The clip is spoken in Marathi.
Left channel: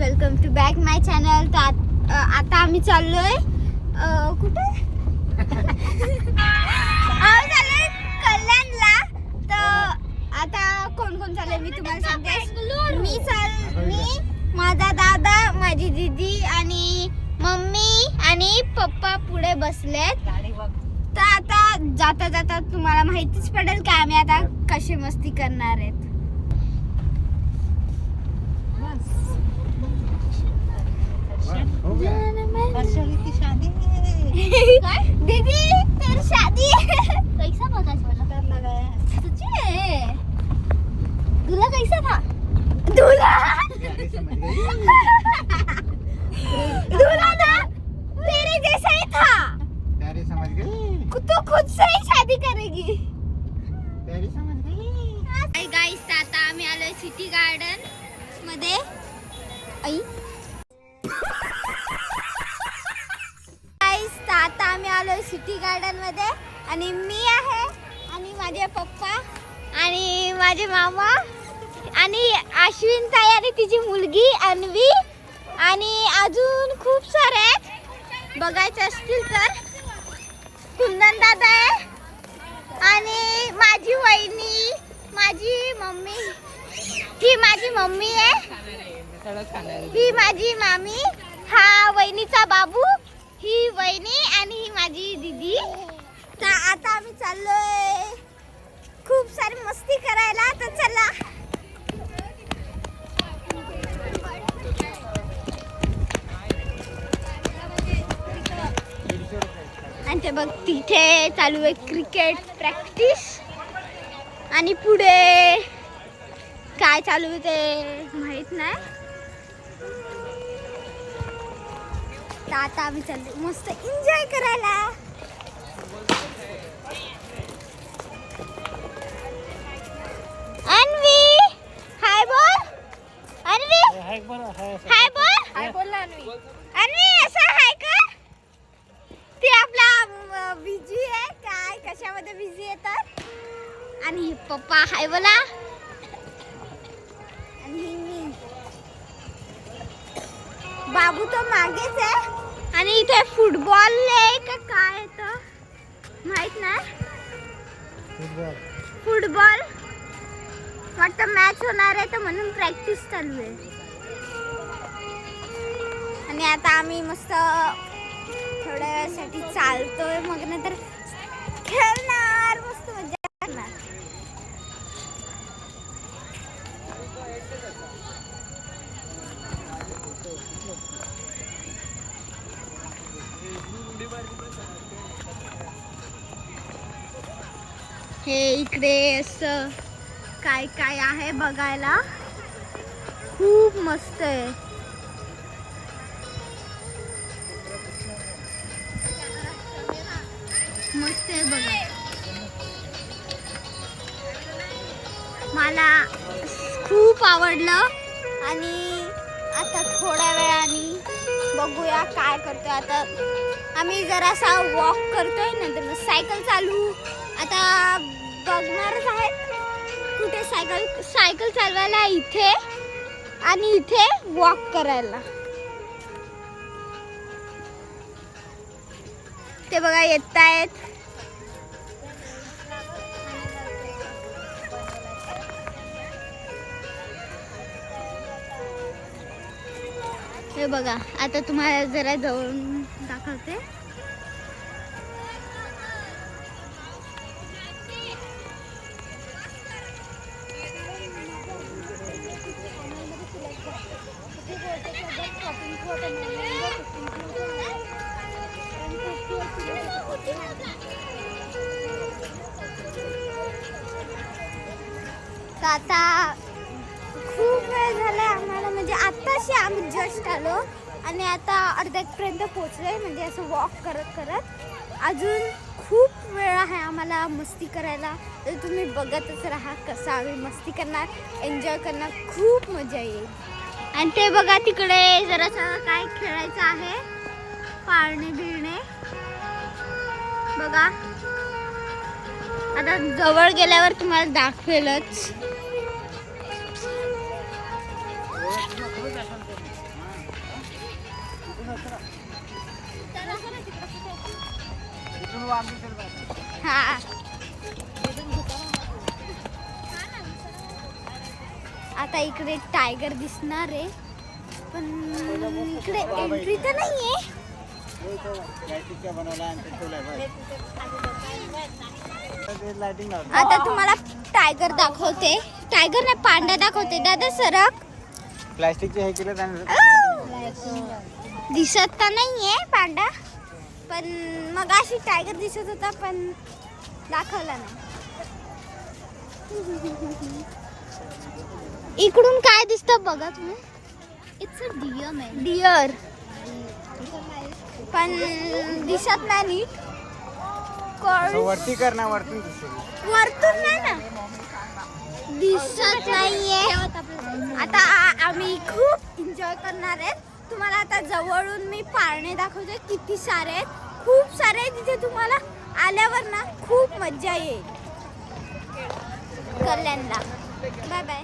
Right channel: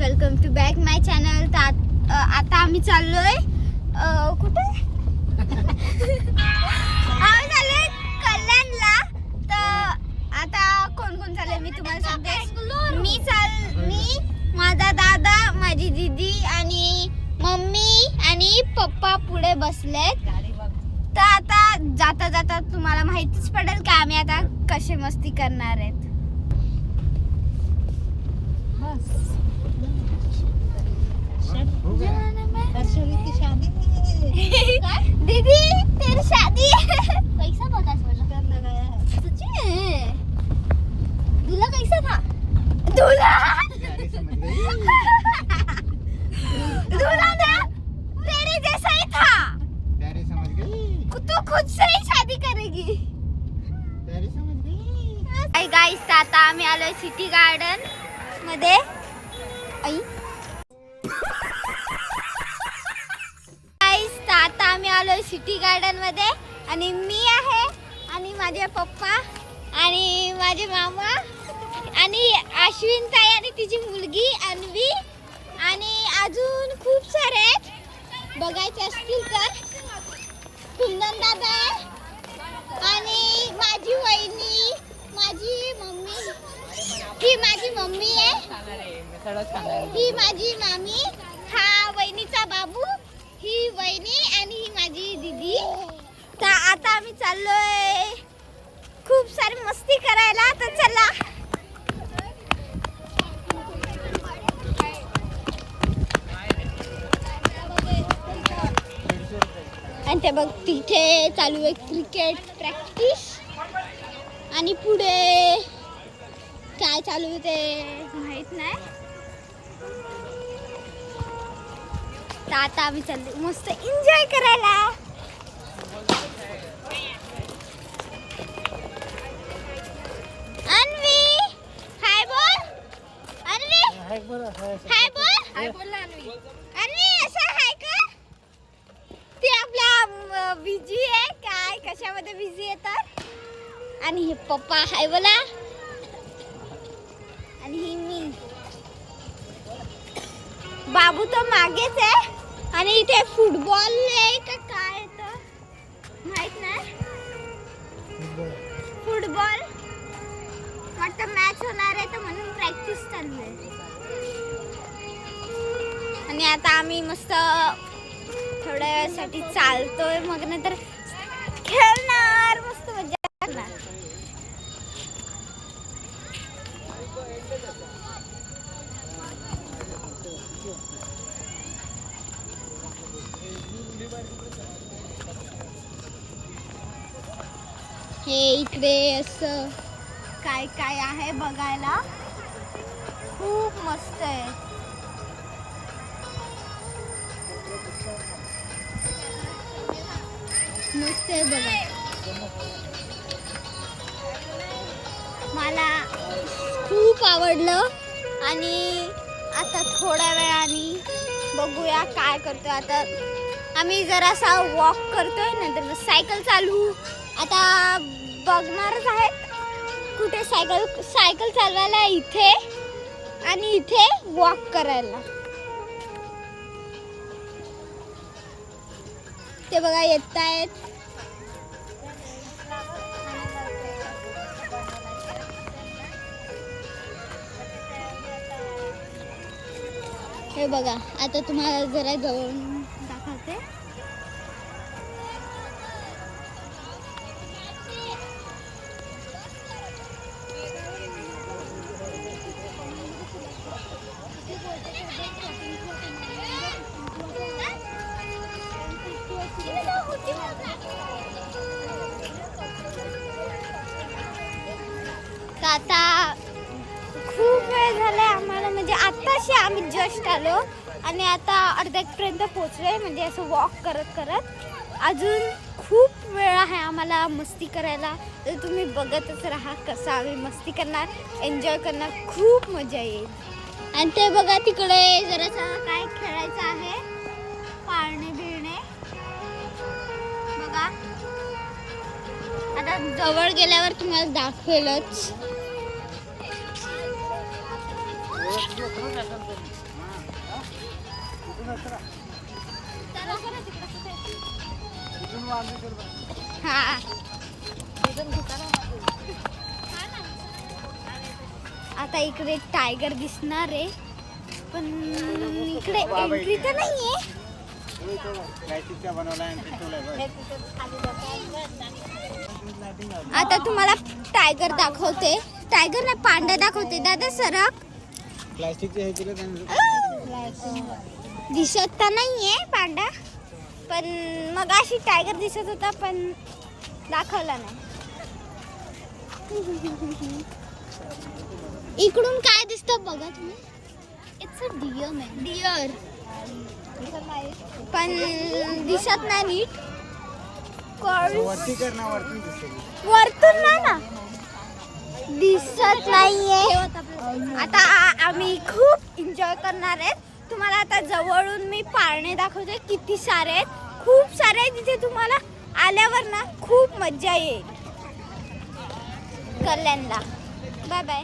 Welcome to back my channel. तर आता आम्ही चाललोय कुठे आम्ही चाललोय कल्याणला. तर आता कोण कोण चाललंय मी तुम्हाला सांगते. मी माझा दादा, माझी दीदी आणि मम्मी आणि पप्पा पुढे बसलेत. तर आता जाता जाता तुम्हाला माहितीच पडेल का आम्ही आता कशी मस्ती करणार आहेत. दीदी तेरी शादी कैसा पता चला? दूल्हा कैसा था? दूल्हा दूल्हा था तेरे जैसा ही था. समझ गई तो खुद से ही शादी करेगी. समझ गई. गाइस आता आम्ही आलोय सिटी गार्डन मध्ये. आता आम्ही आलोय सिटी गार्डन मध्ये आणि मी आहे आणि माझे पप्पा आणि माझे मामा आणि अश्विन ताई आणि तिची मुलगी अन्वी आणि अजून खूप सारे आहेत. बघायचे असतील तर कुंदन दादा आहे आणि माझी वहिनी, माझी मम्मी, ही माझी मम्मी आहे, ही माझी मामी, हा वहिनीचा बाबू, ही वहिनी आणि ही माझी दीदी. तर आता आम्ही चाललोय खूप सारी मस्ती करायला. तर चला. आणि ते बघ तिथे चालू आहे क्रिकेट प्रॅक्टिस आणि पुढे काय चालू आहे ते माहित नाही. तर आता आम्ही चाललो मस्त एन्जॉय करायला. अन्वी हाय बोल. अन्वी हाय बोल. हाय बोल अन्वी. असं हाय कर. ती आपला बिझी आहे काय कशामध्ये बिझी आहे तर. आणि हे पप्पा हाय बोला आणि ही मी. बाबू तो मागेच आहे आणि इथे फुटबॉल आहे का काय तर माहित नाही. फुटबॉल वाटतं मॅच होणार आहे तर म्हणून प्रॅक्टिस चालू आहे. आणि आता आम्ही मस्त थोड्या वेळासाठी चालतोय मग नंतर खेळणार मस्त मजा करणार. हे इकडे असं काय काय आहे बघायला खूप मस्त आहे. मस्त आहे बघा. मला खूप आवडलं आणि आता थोड्या वेळाने बघूया काय करतोय. आता आम्ही जरासा वॉक करतोय नंतर सायकल चालू आता बघणारच आहेत. कुठे सायकल चालवायला इथे आणि इथे वॉक करायला. ते बघा येत आहेत. हे बघा आता तुम्हाला जरा जवळून दाखवते. आता खूप वेळ झालाय आम्हाला म्हणजे आताशी आम्ही जस्ट आलो आणि आता अर्ध्यापर्यंत पोहोचलोय म्हणजे असं वॉक करत करत. अजून खूप वेळ आहे आम्हाला मस्ती करायला. तर तुम्ही बघतच राहा कसं आम्ही मस्ती करणार, एन्जॉय करणार, खूप मजा येईल. आणि ते बघा तिकडे जरासं काय खेळायचं आहे पाळणे बिळणे बघा. आता जवळ गेल्यावर तुम्हाला दाखवेलच. हा आता इकडे टायगर दिसणार आहे पण इकडे एंट्री तर नाहीये. आता तुम्हाला टायगर दाखवते. टायगर नाही पांडा दाखवते. दादा सरक. प्लास्टिकचे हे केलं दिसत तर नाहीये पांडा पण मग अशी टायगर दिसत होता पण दाखवला नाही. इकडून काय दिसतं बघा तुम्ही. It's a deer man. Deer पण दिसत नाही नीट. वरती कर ना, वरतून दिसेल. वरतून नाही ना दिसत नाहीये. आता आम्ही खूप एन्जॉय करणार आहेत. तुम्हाला आता जवळून मी पाळणे दाखवते. किती सारे आहेत, खूप सारे आहेत. तिथे तुम्हाला आल्यावर ना खूप मज्जा येईल. कल्याणला. Bye bye.